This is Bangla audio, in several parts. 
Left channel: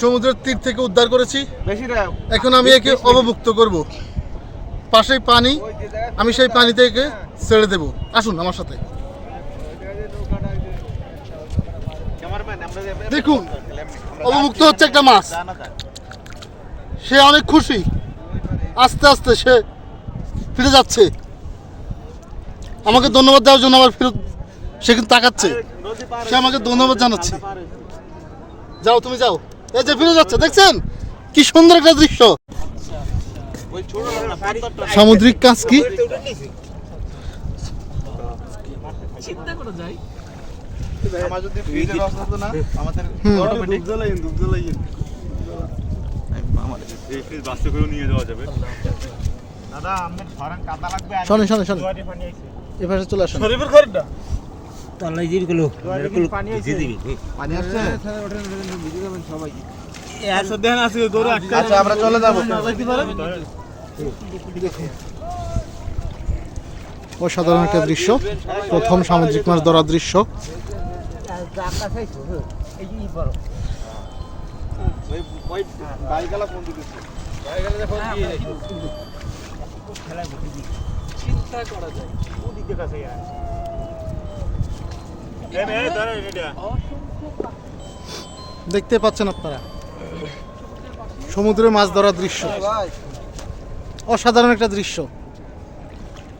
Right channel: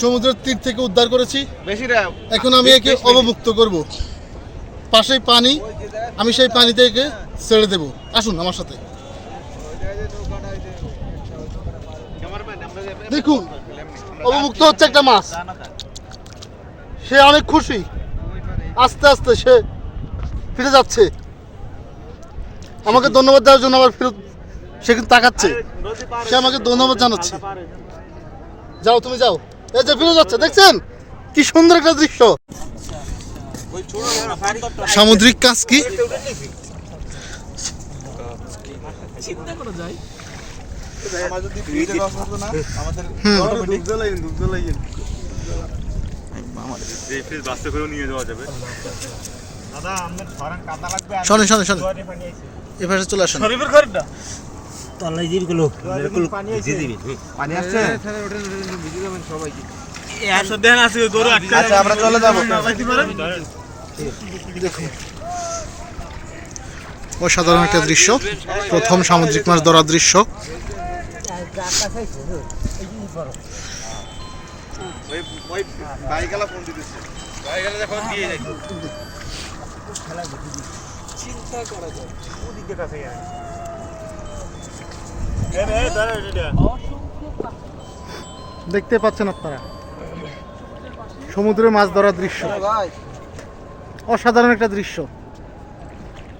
সমুদ্রের তীর থেকে উদ্ধার করেছি। এখন আমি একে অবমুক্ত করব। পাশেই পানি আমি সেই পানি থেকে ছেড়ে দেব। আসুন আমার সাথে। দেখুন অবমুক্ত হচ্ছে একটা মাছ। সে অনেক খুশি। আস্তে আস্তে সে ফিরে যাচ্ছে। আমাকে ধন্যবাদ দেওয়ার জন্য আবার ফিরত সে কিন্তু তাকাচ্ছে। সে আমাকে ধন্যবাদ জানাচ্ছে। যাও তুমি যাও। এই ফিরে যাচ্ছে, দেখছেন? কি সুন্দর একটা দৃশ্য। সামুদ্রিক কাজ কি? আমার যদি ভিডিও রস হতো না আমাদের হুম। দুধ জ্বালাইন দুধ জ্বালাইন এই ফ্রিজ বাসে করেও নিয়ে যাওয়া যাবে দাদা আমাদের ফারান কাদা লাগবে আর শোনেন শোনেন শোনেন। জোয়ারে পানি আইছে এপাশে চলে আসেন জিরগুলো পানি আসছে একশো দেন আছে গরু আচ্ছা আমরা চলে যাব। দেখুন। অসাধারণ একটা দৃশ্য। প্রথম সামুদ্রিক মাছ ধরার দৃশ্য। ওই ওই বাইকালা ফোন দিতেছে গাড়ি দেখো দিয়ে যাই চিন্তা করা যায় ওদিকে কাছে যায় এ রে দাঁড়া এটা দেখতে পাচ্ছেন আপনারা। সমুদ্রে মাছ ধরার দৃশ্য। ভাই অসাধারণ একটা দৃশ্য।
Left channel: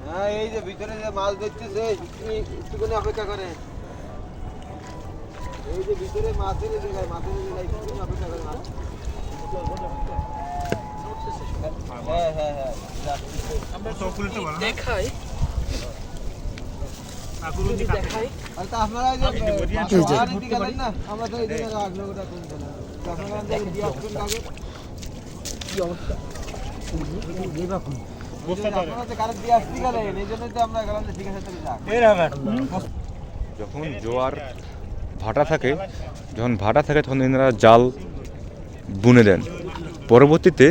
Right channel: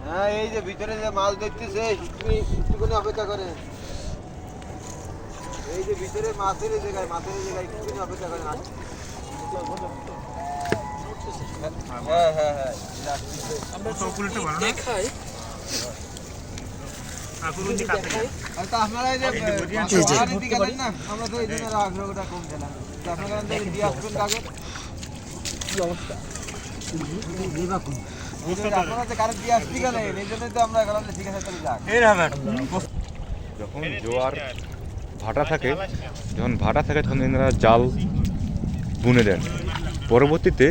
হ্যাঁ এই যে ভিতরে যে মাছ দেখতেছে একটুখানি অপেক্ষা করে। এই যে ভিতরে মাছের এই জায়গায় মাছের জায়গায় একটুখানি অপেক্ষা করে। হ্যাঁ হ্যাঁ হ্যাঁ। দেখাই। যখন জোয়ার ভাটা থাকে, যখন ভাটা থাকে, তখন এনারা জাল বুনে দেন। পরবর্তীতে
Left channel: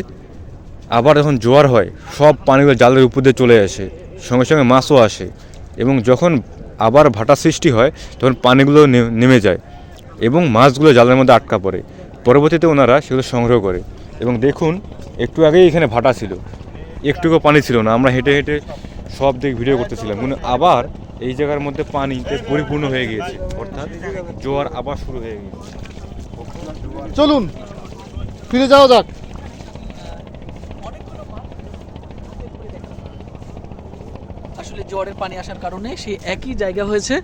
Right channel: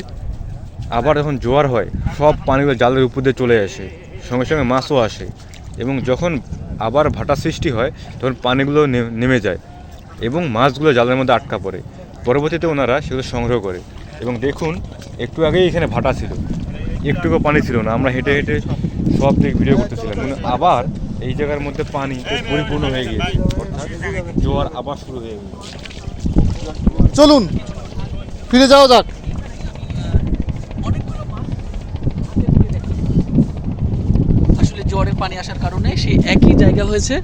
আবার যখন জোয়ার হয়, সব পানিগুলো জালের উপর দিয়ে চলে আসে, সঙ্গে সঙ্গে মাছও আসে এবং যখন আবার ভাটা সৃষ্টি হয়, তখন পানিগুলো নেমে যায় এবং মাছগুলো জালের মধ্যে আটকা পড়ে। পরবর্তীতে ওনারা সেগুলো সংগ্রহ করে। এবং দেখুন, একটু আগেই এখানে ভাটা ছিল। একটুকু পানি ছিল না। আমরা হেঁটে হেঁটে সব দিক ভিডিও করতেছিলাম। কিন্তু আবার এই জায়গার মধ্যে পানি পরিপূর্ণ হয়ে গিয়েছে। অর্থাৎ জোয়ার আবার শুরু হয়ে গিয়েছে। চলুন, ফিরে যাওয়া যাক অনেকগুলো মাছ হাতের দিকে দেখা যায়। জ্বরের পানি আসার কারণে সেই একই জায়গা হয়েছে।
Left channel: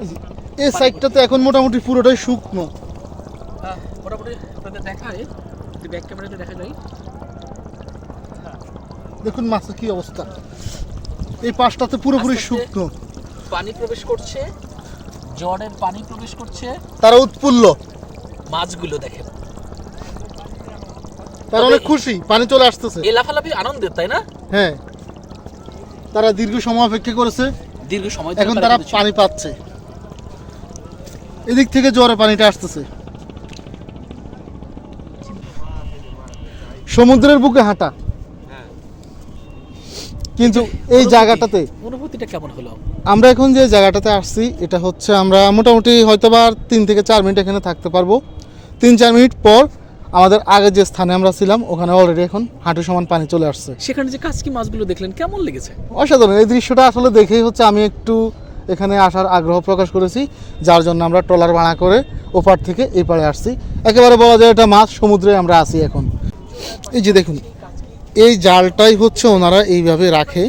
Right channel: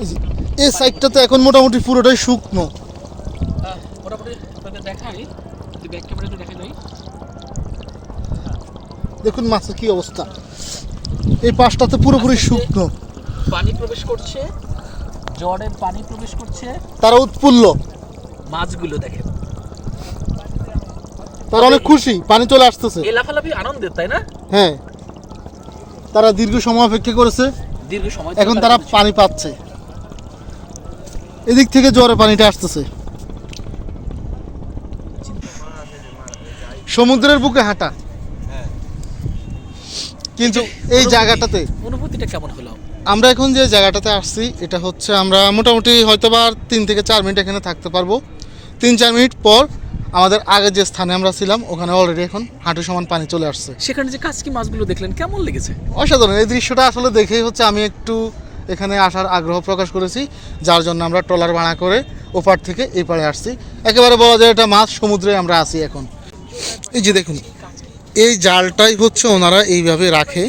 এই যে, এই সাইডটাতে এখন মোটামুটি পুরোটাই শুকনো। মোটামুটি আপনাদের দেখাই যদি ব্যাক ক্যামেরাতে দেখা যায়। দেখুন মাছের কি অবস্থা। এই পাশটাতে পুরোপুরি আস্তে আস্তে- শুকনো। পানি প্রবেশ করছে জ্বরের পানি প্রবেশ করছে। তারা উৎফুল্ল। মাছগুলো দেখেন। তারা অনেক খুশি পানি চলে আসতেছে। এই লাফালাফি আনন্দের তাই না? হ্যাঁ। তারা দীর্ঘ সময় অপেক্ষা করেছে। দীর্ঘ সময় এখন তারা পানি পাচ্ছে। এদিক থেকে জোয়ারে পানিটা আসতেছে। সমুদ্রের বুকে হাঁটা। কিন্তু এই জায়গাটাতে অনুভূতিটা কেমন হলো? আমরা এখন যে জায়গাটাতে আসছি এটা হচ্ছে আমরা মোটামুটি হয়তো বা তিন থেকে চার মিনিট এখানে থাকতে পারব। তিন চার মিনিট পর আমাদের আগের যে স্থানে আমরা ছিলাম ওখানে অলরেডি এখন হাঁটু সমান পানি চলে আসছে। সেখানে যে কাজকি মাছগুলো দেখলেন কেমন লেগেছে? অসাধারণ। এই দৃশ্যটা আসলে দেখেই হচ্ছে আমি একটু এখানে আসার আগ্রহ প্রকাশ করেছি যার জন্য আমরা ট্রলার ভাড়া করে ওপার থেকে এই পাড়ে আসছি। একেবারে বলা যায় এটা মাছ সমুদ্রে আমরা আছি এখন। এই যে দেখুন এই জালটাই হচ্ছে ওনারা এইভাবে রাখে।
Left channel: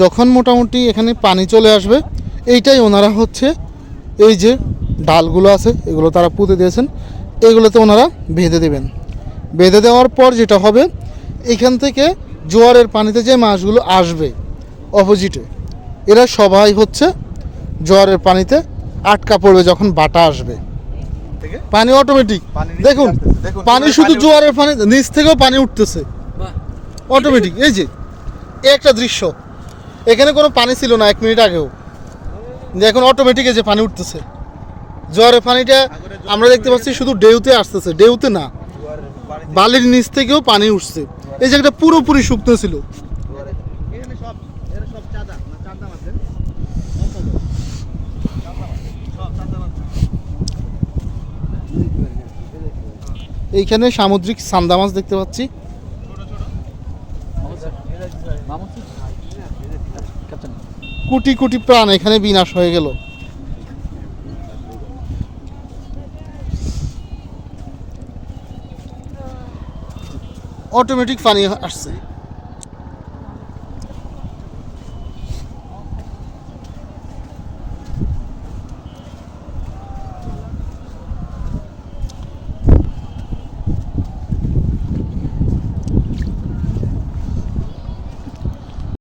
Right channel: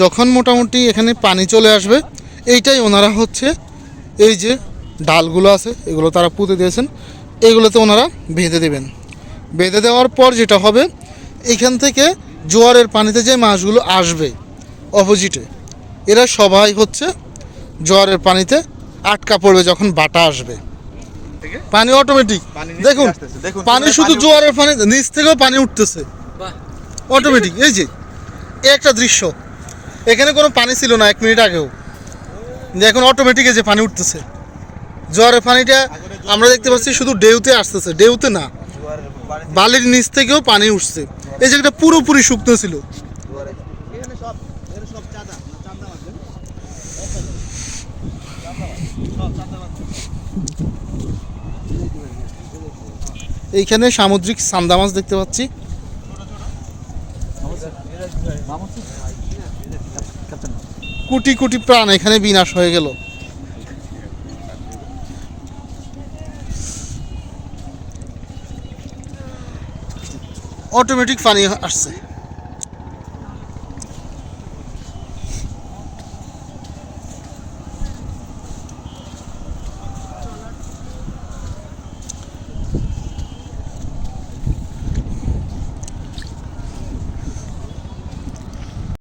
যখন মোটামুটি এখানে পানি চলে আসবে এইটাই ওনারা হচ্ছে এই যে ডালগুলো আছে এগুলো তারা পুঁতে দিয়েছেন। এইগুলোতে ওনারা বেঁধে দেবেন। বেঁধে দেওয়ার পর যেটা হবে এখান থেকে জোয়ারের পানিতে যে মাছগুলো আসবে অপোজিটে এরা সবাই হচ্ছে জোয়ারের পানিতে আটকা পড়বে যখন বাটা আসবে। পানি অটোমেটিক দেখুন পানি শুধু জোয়ারের পানি নিচ থেকেও পানি উঠতেছে। অটোমেটিক এই যে একটা দৃশ্য। এখানে কোনো পানি ছিল না এক মিনিট আগেও। এখন অটোমেটিক এই যে পানি উঠতেছে। জোয়ারের পানিটা আমরা দেখতে পাচ্ছি শুধু ডেউতে আসতেছে, ডেউতে না। বালির নিচ থেকেও পানি উঠছে। এই জায়গাটা পুরোপুরি শুকনো ছিল। এইখানে সামুদ্রিক সান্দা মাছ দেখতে পাচ্ছি। কোটি কোটি প্রাণ এখানে বিনাশ হয়ে গেল। অটোমেটিক পানি আসছে।